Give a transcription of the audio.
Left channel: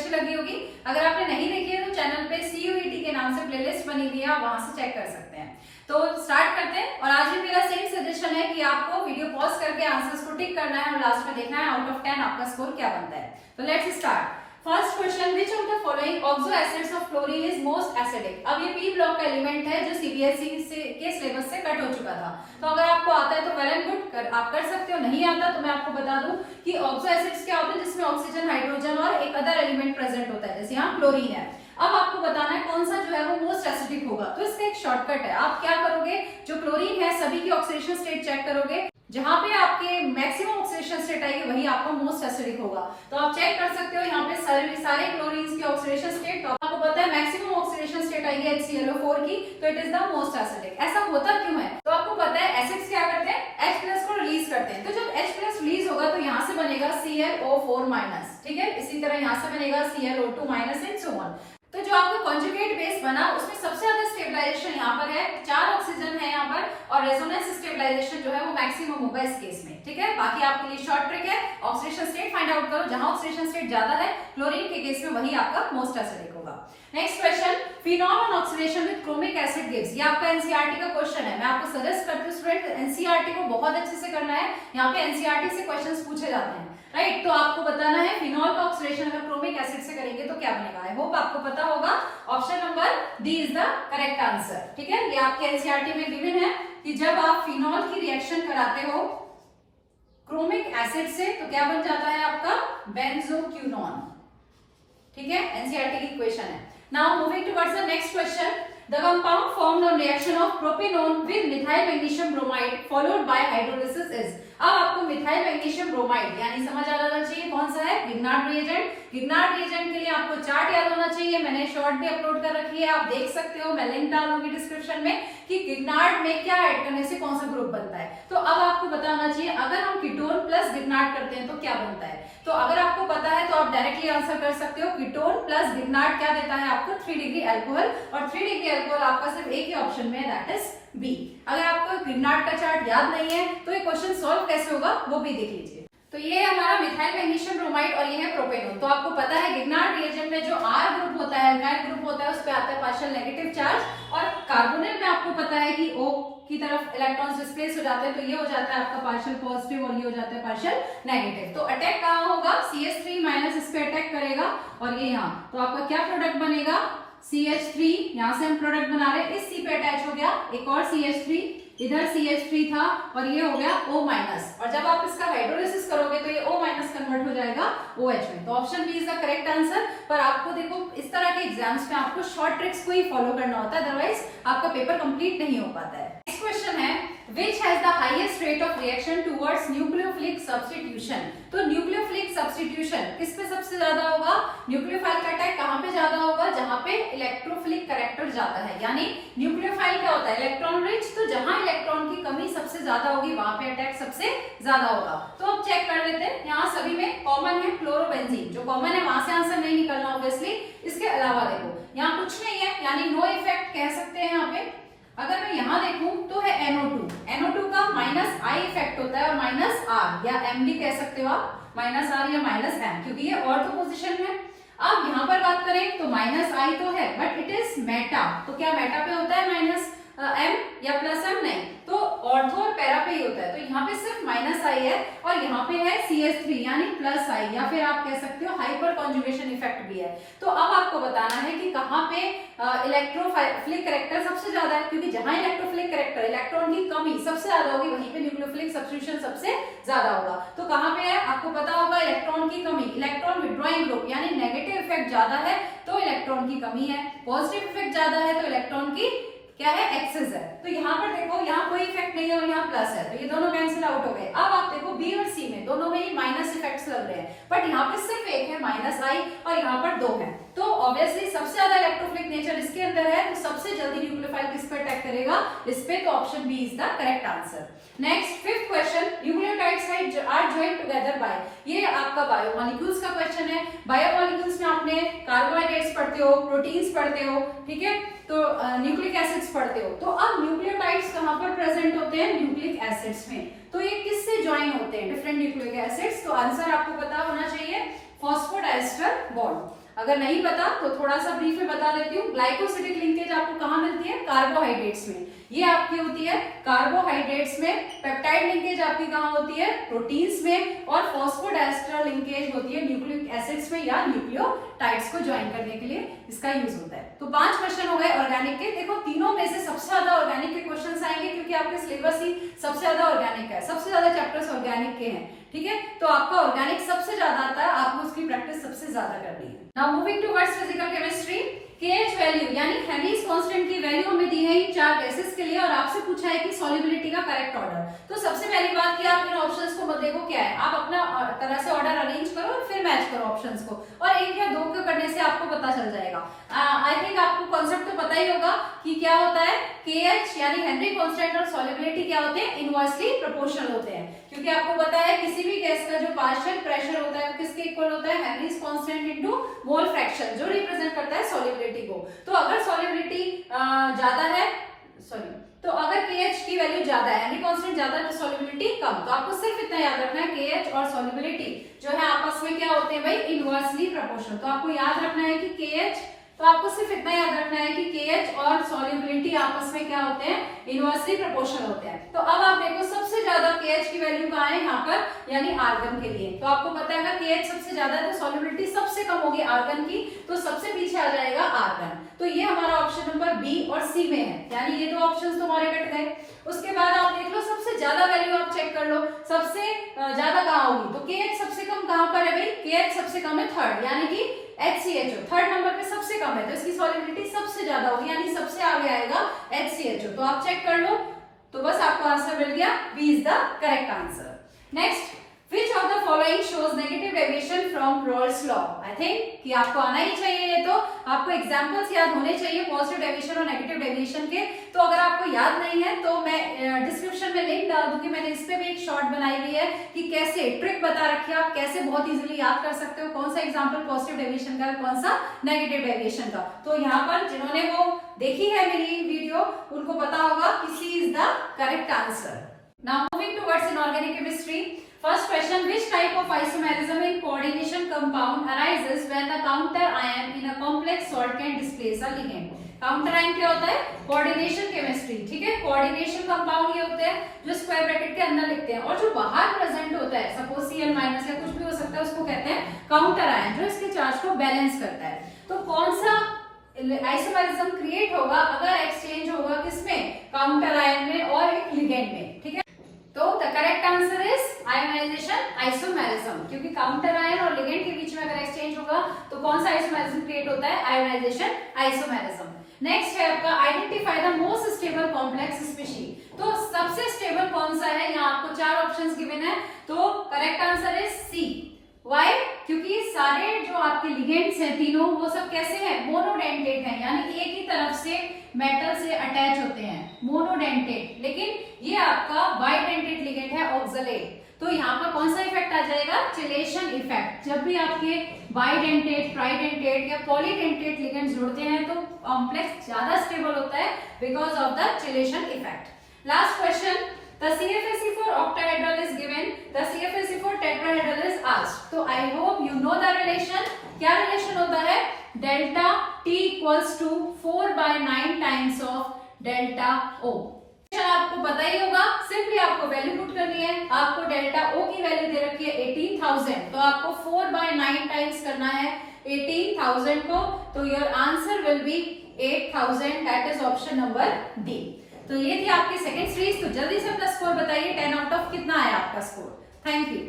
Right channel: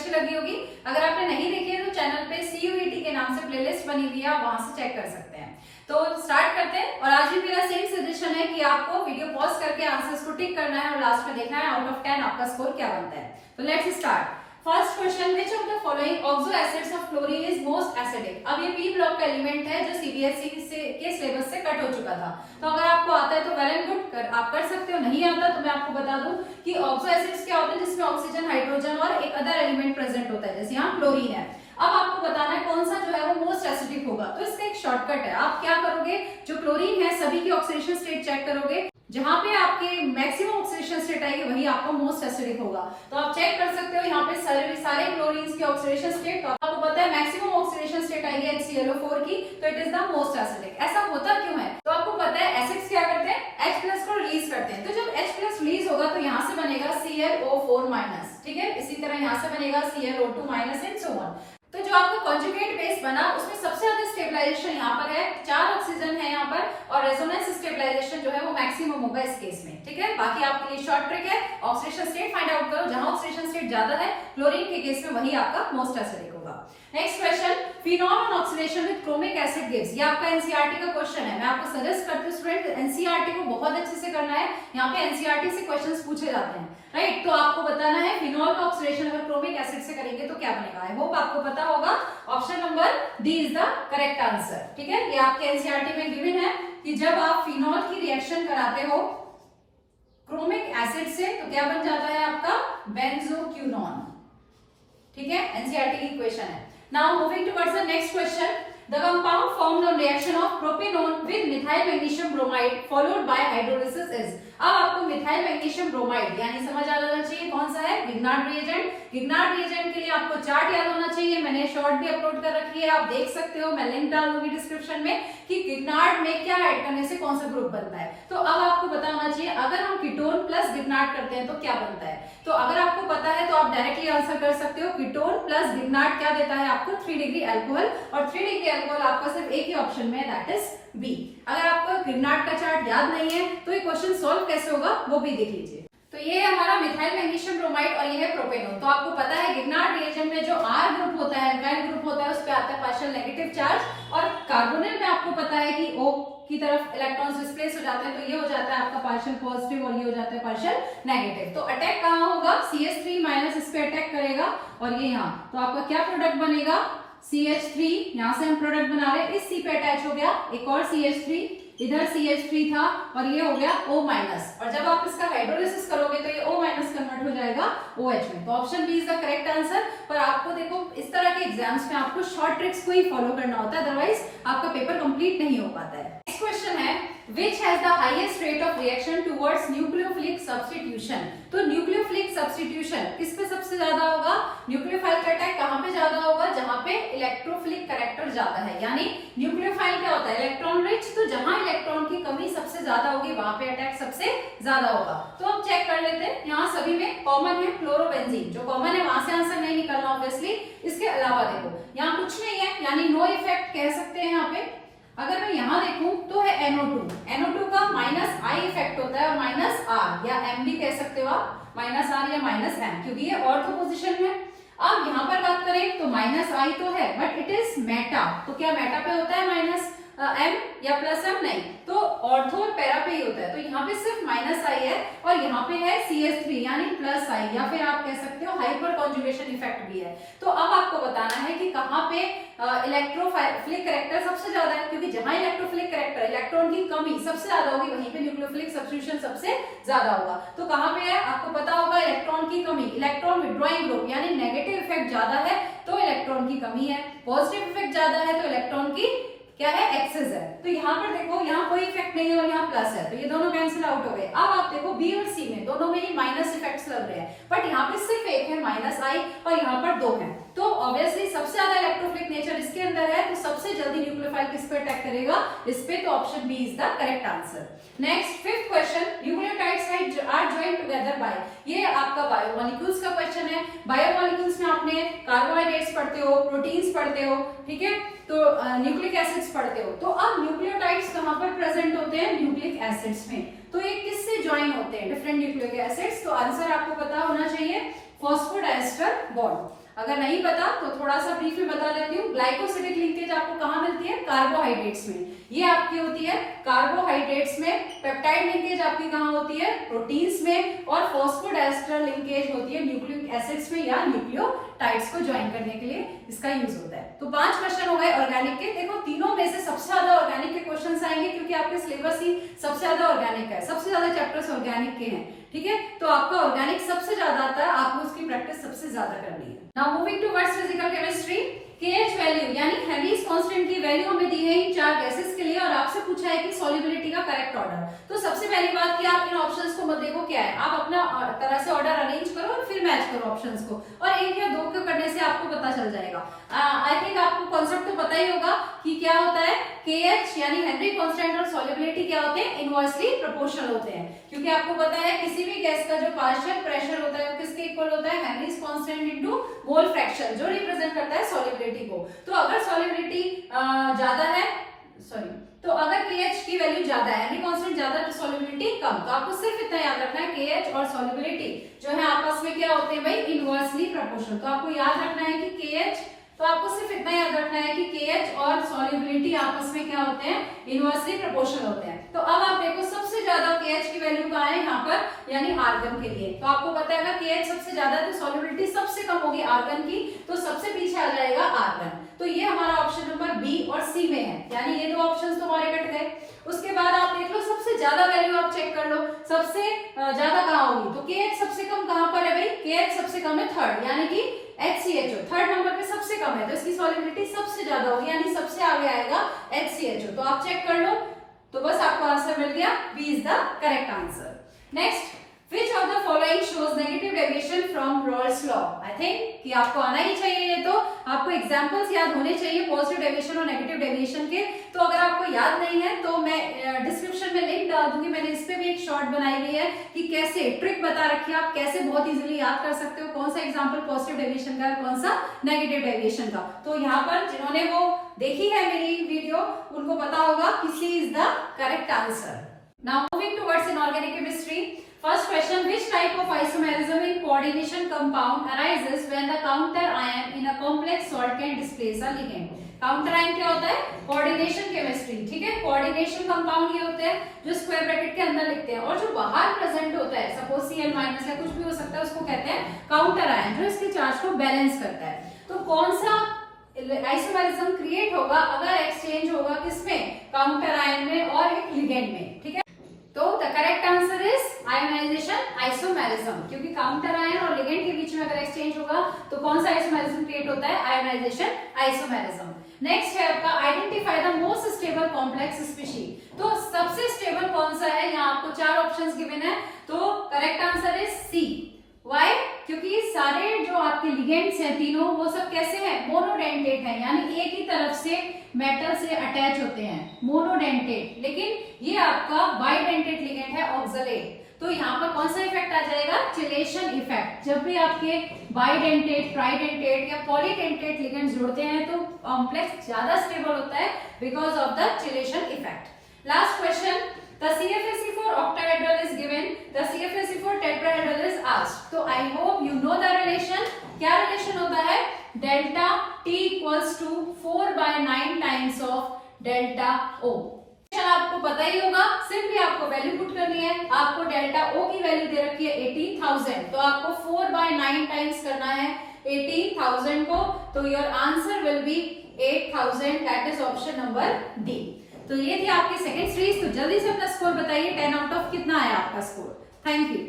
अच्छी लगी होगी। अगर आपने नहीं देखी है तो चैनल पे CUET के नाम से प्लेलिस्ट बनी हुई है, आप वहां से चेक कर सकते हैं। तो स्टार्ट करते हैं। और आज भी मेरा सेम सजेशन है कि आपको वीडियो पॉज करके आंसर्स को टिक करना है और लास्ट में देखना है आउट ऑफ 10 आपका स्कोर क्या बनता है। तो let's start. First question, which of the following oxo acids of chlorine is most acidic. अब ये पी ब्लॉक का एलिमेंट है जो CBSE के सिलेबस से कट हो चुका था। तो अगर आपको आता है तो वेल एंड गुड, आप कर सकते हो। नहीं आता तो मैं आपको बता दूं कि ऑक्सो एसिड्स क्या होते हैं, जिसमें ऑक्सीजन, हाइड्रोजन और एक अदर एलिमेंट प्रेजेंट होता है, जैसे यहाँ क्लोरीन है। अब आपको बताना है कौन सा जो है वो मोस्ट एसिडिक होगा। तो इसका एक शॉर्टकट है, आप क्या करोगे, जो क्लोरीन है सभी की ऑक्सीडेशन स्टेट चेक करोगे, जहां पे आपके मैक्सिमम ऑक्सीडेशन स्टेट आएगी वही आपका मोस्ट एसिडिक होगा। तो आप चेक कर सकते हो यहाँ पे सारे क्लोरीन्स की ऑक्सीडेशन स्टेट, तो आपको पता है मैक्सिमम ऑक्सीडेशन स्टेट आएगी HClO4 की, तो it is the most acidic. ऐसा होता क्यों है, तो आपको पता है एसिड्स क्या करते हैं, H+ को रिलीज करते हैं। तो जब H+ रिलीज होगा तो यहाँ से बनेगा ClO4-, ठीक है। इसी तरह यहाँ से बनेगा ClO2- एंड सो ऑन। तो जो आपका कॉन्जुगेट बेस बना उसमें सबसे ज्यादा स्टेबलाइजेशन यहाँ पर है, 4 ऑक्सीजन है यहाँ पर, और रेजोनेंस स्टेबलाइजेशन जो है वो मैक्सिमम होगा इस केस में, ठीक है। बाकी आपके लिए शॉर्ट ट्रिक है, ऑक्सीडेशन स्टेट फाइंड आउट करो, जहां ऑक्सीडेशन स्टेट ज्यादा है क्लोरीन के केस में वही आपका मोस्ट एसिडिक होगा। Next question, phenol on oxidation with chromic acid gives. ये आपका एनसीईआरटी का क्वेश्चन है। मैं आपको सजेस्ट करती हूँ स्टूडेंट एनसीईआरटी को बहुत अच्छे से करना है, यहाँ पे एनसीईआरटी से क्वेश्चंस पूछे जाते हैं, राइट। तो आपको बताना है फिनॉल का ऑक्सीडेशन अगर क्रोमिक एसिड से करेंगे तो क्या बनेगा। आई होप आपको पता होगा। Option number D is the correct answer, ठीक है। ये आपके एनसीईआरटी में गिवन है कि जब आप फिनॉल की रिएक्शन कराते हो क्रोमिक एसिड से तो क्या बन जाता है आपका बेंजोक्विनोन, ठीक है। एनसीईआरटी की इक्वेशन है। Now moving towards the next question, the compound formed on reaction of propanone with methyl magnesium bromide followed by hydrolysis is। अब आपको मिथाइल मैग्नीशियम ब्रोमाइड यानी समझ आ जाना चाहिए कौन सा है, गिग्नार्ड रिएजेंट। गिग्नार्ड रिएजेंट के लिए आपको चार्ट याद होना चाहिए, मैंने शॉर्ट भी अपलोड कर रखी है, आप देख सकते हो, मैं लिंक डाल दूंगी डिस्क्रिप्शन में कि गिग्नार्ड में क्या ऐड करने से कौन सा ग्रुप बनता है। तो अब आपको पता होना चाहिए अगर हम कीटोन प्लस गिग्नार्ड करते हैं तो क्या बनता है। तो अगर आपको पता है तो आप डायरेक्टली आंसर कर सकते हो, कीटोन प्लस गिग्नार्ड क्या देता है आपको 3 डिग्री अल्कोहल, और 3 डिग्री अल्कोहल आपका सिर्फ एक ही ऑप्शन में, दैट इज बी। अगर आपको गिग्नार्ड का चार्ट याद नहीं है तो ये क्वेश्चन सॉल्व कैसे होगा वो भी देख लीजिए। तो ये है हमारा मिथाइल मैग्नीशियम ब्रोमाइड और ये है प्रोपेनोन। तो आपको पता है गिग्नार्ड रिएजेंट में जो R ग्रुप होता है, अल्काइल ग्रुप होता है, उस पे आता है पार्शियल नेगेटिव चार्ज, और कार्बोनिल में आपको पता है कि O की तरफ इलेक्ट्रॉन्स डिस्प्लेस हो जाते हैं, तो ये हो जाता है आपका पार्शियल पॉजिटिव और ये हो जाता है पार्शियल नेगेटिव। तो अटैक कहाँ होगा, CH3- इस पे अटैक करेगा, और ये यहाँ तो आपका क्या प्रोडक्ट बनेगा, CH3, यहाँ से हम प्रोडक्ट बना रहे हैं, इस C पे अटैच हो गया एक और CH3, इधर CH3 था और ये हो गया O-, और जब आप इसका हाइड्रोलिसिस करोगे तो ये O- कन्वर्ट हो जाएगा OH में। तो option B is the correct answer. पर आपको देखो इस तरह के एग्जाम्स में आपको शॉर्ट ट्रिक्स को ही फॉलो करना होता है, अदरवाइज आपका पेपर कंप्लीट नहीं हो पाता है। नेक्स्ट क्वेश्चन है, which has the highest rate of reaction towards nucleophilic substitution। तो न्यूक्लियोफिलिक सब्स्टिट्यूशन किस पे सबसे ज्यादा होगा, न्यूक्लियोफाइल का अटैक कहां पे ज्यादा होगा, जहां पे इलेक्ट्रोफिलिक कैरेक्टर ज्यादा है। यानी न्यूक्लियोफाइल क्या होता है, इलेक्ट्रॉन रिच, तो जहां इलेक्ट्रॉन की कमी सबसे ज्यादा होगी वहां पे अटैक सबसे ज्यादा होगा। तो अब चेक कर लेते हैं, यहाँ सभी में कॉमन है क्लोरोबेंजीन, जो कॉमन है वहां से आंसर नहीं निकलना ऑब्वियसली। इसके अलावा देखो यहाँ कुछ नहीं है, यानी नो इफेक्ट कह सकते हैं यहाँ पे। अगर मैं यहाँ देखूं तो है NO2 का -I इफेक्ट होता है, और -R या M भी कह सकते हो आप, -R या -M, क्योंकि ये ऑर्थो पोजीशन है। अब यहाँ पर बात करें तो -I तो है बट इट इज मेटा, तो क्या मेटा पे होता है -M या +M, नहीं, तो ऑर्थो और पैरा पे ही होता है। तो यहाँ पे सिर्फ -I है और यहाँ पे है CH3 यानी +I, या फिर आप कह सकते हो हाइपर कॉन्जुगेशन इफेक्ट भी है। तो अब आपको बताना है कि कहाँ पे इलेक्ट्रोफिलिक कैरेक्टर सबसे ज्यादा है, क्योंकि जहां इलेक्ट्रोफिलिक कैरेक्टर इलेक्ट्रॉन की कमी सबसे ज्यादा होगी वहीं पे न्यूक्लियोफिलिक सब्स्टिट्यूशन सबसे ज्यादा होगा। तो कहाँ पे है आपको पता होगा, इलेक्ट्रॉन की कमी, इलेक्ट्रॉन विड्रॉइंग ग्रुप, यानी नेगेटिव इफेक्ट ज्यादा है तो इलेक्ट्रॉन की कमी है, पॉजिटिव इफेक्ट ज्यादा है तो इलेक्ट्रॉन की क्या है, एक्सेस है। तो यहाँ पर देखो यहाँ कोई इफेक्ट नहीं है और यहाँ प्लस है, तो ये दोनों कैंसिल आउट हो गए। अब आप देखो बी और सी में दोनों में ही माइनस इफेक्ट्स लग रहे हैं, बट यहाँ पे सिर्फ एक है -I और यहाँ पर 2 है। तो ऑब्वियसली सबसे ज्यादा इलेक्ट्रोफिलिक नेचर इसके अंदर है, तो सबसे जल्दी न्यूक्लियोफाइल किस पे अटैक करेगा, इस पे। तो option B is the correct answer. Next 5th question, nucleotides are joined together by, ये आपका बायोमोलिक्यूल्स का क्वेश्चन है। बायोमोलिक्यूल्स में आपने कार्बोहाइड्रेट्स पढ़ते हो, प्रोटीन्स पढ़ते हो, ठीक है, तो न्यूक्लिक एसिड्स पढ़ते हो। तो अब न्यूक्लियोटाइड्स कहां पर प्रेजेंट होते हैं, न्यूक्लिक एसिड्स में। तो ये किससे ज्वाइन होते हैं, डिफरेंट न्यूक्लिक एसिड्स। तो आंसर आपको पता होना चाहिए, फॉस्फोडाइस्टर बॉन्ड। अगर नहीं पता तो थोड़ा सा ब्रीफ में बता देती हूँ। ग्लाइकोसिडिक लिंकेज आपको कहाँ मिलती है? कार्बोहाइड्रेट्स में। ये आपकी होती है कार्बोहाइड्रेट्स में। पेप्टाइड लिंकेज आपकी कहाँ होती है? प्रोटीन्स में। और फॉस्फोडाइस्टर लिंकेज होती है न्यूक्लिक एसिड्स में या न्यूक्लियोटाइड्स को ज्वाइन करने के लिए इसका यूज होता है। तो 5 क्वेश्चन हो गए ऑर्गेनिक के। देखो तीनों में से सबसे ज्यादा ऑर्गेनिक के क्वेश्चन आएंगे क्योंकि आपके सिलेबस ही सबसे ज्यादा ऑर्गेनिक है, सबसे ज्यादा चैप्टर्स ऑर्गेनिक के हैं, ठीक है। तो आपका ऑर्गेनिक सबसे ज्यादा आता है, आपको उसकी प्रैक्टिस सबसे ज्यादा करनी है। Now moving towards physical chemistry. KH value यानी हेनरीज कांस्टेंट की वैल्यू हमें दी है इन 4 गैसेस के लिए और आपसे पूछा है कि सॉल्युबिलिटी का करेक्ट ऑर्डर। तो सबसे पहली बात कि आप इन ऑप्शंस को मत देखो क्या है, आप अपना तरह से ऑर्डर अरेंज करो और फिर मैच करो ऑप्शंस को, और 1 या 2 को करने से आपको पता चल जाएगा। आई थिंक आपको कॉन्सेप्ट तो पता ही होगा कि क्या होता है। केएच यानी हेनरी कांस्टेंट और सॉल्युबिलिटी क्या होते हैं? इनवर्सली प्रोपोर्शनल होते हैं, क्योंकि आपको पता है किसी भी गैस का जो पार्शियल प्रेशर होता है वो किसके इक्वल होता है? Henrys constant into mole fraction, जो रिप्रेजेंट करता है सॉल्युबिलिटी को। तो अगर सॉल्युबिलिटी ज्यादा है, सॉरी, तो अगर KH की वैल्यू ज्यादा है, हेनरी कांस्टेंट ज्यादा है तो सॉल्युबिलिटी कम। तो आपको सिर्फ इतना याद रखना है KH और सॉल्युबिलिटी जो है आपस में क्या होते हैं भाई? Inversely proportional. तो आपको याद रखना है कि KH, तो आपको सिर्फ इतना याद रखना है कि KH और सॉल्युबिलिटी आपस में क्या होते हैं? इनवर्सली प्रोपोर्शनल होते हैं। तो अब आप देखो सबसे ज्यादा KH की वैल्यू कहाँ है? यहाँ पर, यानी आर्गन के लिए। तो आपको पता है अगर KH सबसे ज्यादा है तो सॉल्युबिलिटी सबसे कम होगी आर्गन की, तो सबसे पीछे आ जाएगा आर्गन। तो ये हमारा ऑप्शन नंबर बी और सी में है, यानी ये 2 ऑप्शंस तुम्हारे कट गए। उसके बाद आप देख लो सबसे ज्यादा वैल्यू आप चेक कर लो, सबसे ज्यादा कहाँ होगी? तो KH सबसे कम कहाँ पर है भाई? KH सबसे कम है 3rd, यानी कि HCHO 3rd नंबर पे सबसे कम है, तो इसकी सॉल्युबिलिटी सबसे ज्यादा होगी, यानी सबसे आगे आएगा HCHO। तो आप चेक कर लो, तो बस आपको आंसर मिल गया, B is the correct answer. Next, Which of the following shows negative deviation from Rolle's law? I think कि आपको आना ही चाहिए, ये तो आपको एग्जांपल्स याद होने चाहिए पॉजिटिव डेविएशन और नेगेटिव डेविएशन के। तो अगर आपको याद नहीं है तो मैं डिस्क्रिप्शन में लिंक डाल दूंगी, मैंने इस पे भी एक शॉर्ट बनाई हुई है कि कैसे ट्रिक बता रखी है, आप कैसे बहुत इजीली याद कर सकते हो कौन सा एग्जाम्पल पॉजिटिव डेविएशन का है, कौन सा नेगेटिव डेविएशन का। तो यहाँ पर जिन्होंने वो देखी है मेरी वीडियो उनको पता होगा कि C is the correct answer. Now moving towards inorganic chemistry. First question, which type of isomerism in coordination compound arises when the counter ion in a complex salt can displace a ligand? Counter ion क्या होता है? Coordination chemistry, ठीक है। Coordination compound ये होते हैं जो square bracket के अंदर लिखते हैं, और जो बाहर प्रेजेंट होता है सपोज Cl माइनस या कुछ भी हो सकता है, उसको कहते हैं काउंटर आयन, जो इसके चार्ज को बैलेंस करता है। तो कौन सा आइसोमेरिज्म क्रिएट होगा अगर एक्सचेंज होगा किसमें? काउंटर आयन में और एक लिगेंड में, ठीक है। तो the correct answer is ionization isomerism, क्योंकि काउंटर आयन और लिगेंड के बीच में अगर एक्सचेंज होगा तो कौन सा आइसोमेरिज्म क्रिएट होता है? Ionisation isomerism. नेक्स्ट है आपका identify the most stable complex species. तो सबसे स्टेबल कौन सा है? यहाँ आपको 4 ऑप्शंस गिवन है, तो correct answer is C. Why? क्योंकि सारे जो आपके लिगेंड्स हैं तीनों वो सब कैसे हैं? मोनोडेंटेट हैं, यानी एक ही तरफ से मेटल से अटैच होते हैं, मोनोडेंटेट। लेकिन ये आपका बाइडेंटेट लिगेंड है, ऑक्सलेट। तो यहाँ पर कौन सा इफेक्ट आ जाएगा? Chelation effect. जब भी आपके बाइडेंटेट, ट्राइडेंटेट या पॉलीडेंटेट लिगेंड्स जुड़ते हैं तो कॉम्प्लेक्स ज्यादा स्टेबल होता है because of the chelation effect. Last question, the CFSE4 octahedral is given, the CFSE4 tetrahedral is asked. तो I hope you know the relation. क्या रिलेशन होता है? Delta T equals to 4/9 times of delta O। आपको पता ही होगा, simply आपको value put करनी है। आपको डेल्टा O की वैल्यू दे रखी है 18,000, तो आपको 4/9 टाइम्स करना है 18,000 को, तो your answer will be 8,000, that is option number D. तो ये थी आपकी सेकंड सीरीज। तो जल्दी से अपना स्कोर बताइए, 10 आउट ऑफ कितना आया आपका स्कोर? Thank you.